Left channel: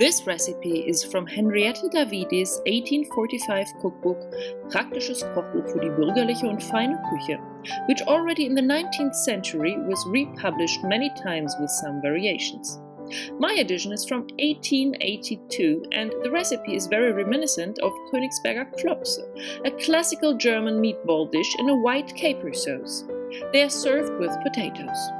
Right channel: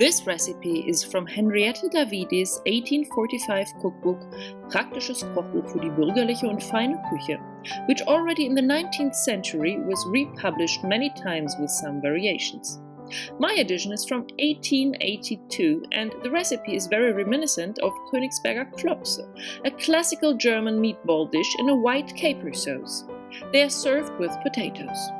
This recipe is from Henriette Davidis' 1845 cookbook Praktisches Kochbuch für die bürgerliche und feine Küche, which already in the 19th century was republished many times with some variations. My edition is from 1882 and the recipe is very reminiscent of Königsberger Klopse, a classical German meatball dish in a white caper sauce. They are served with potatoes.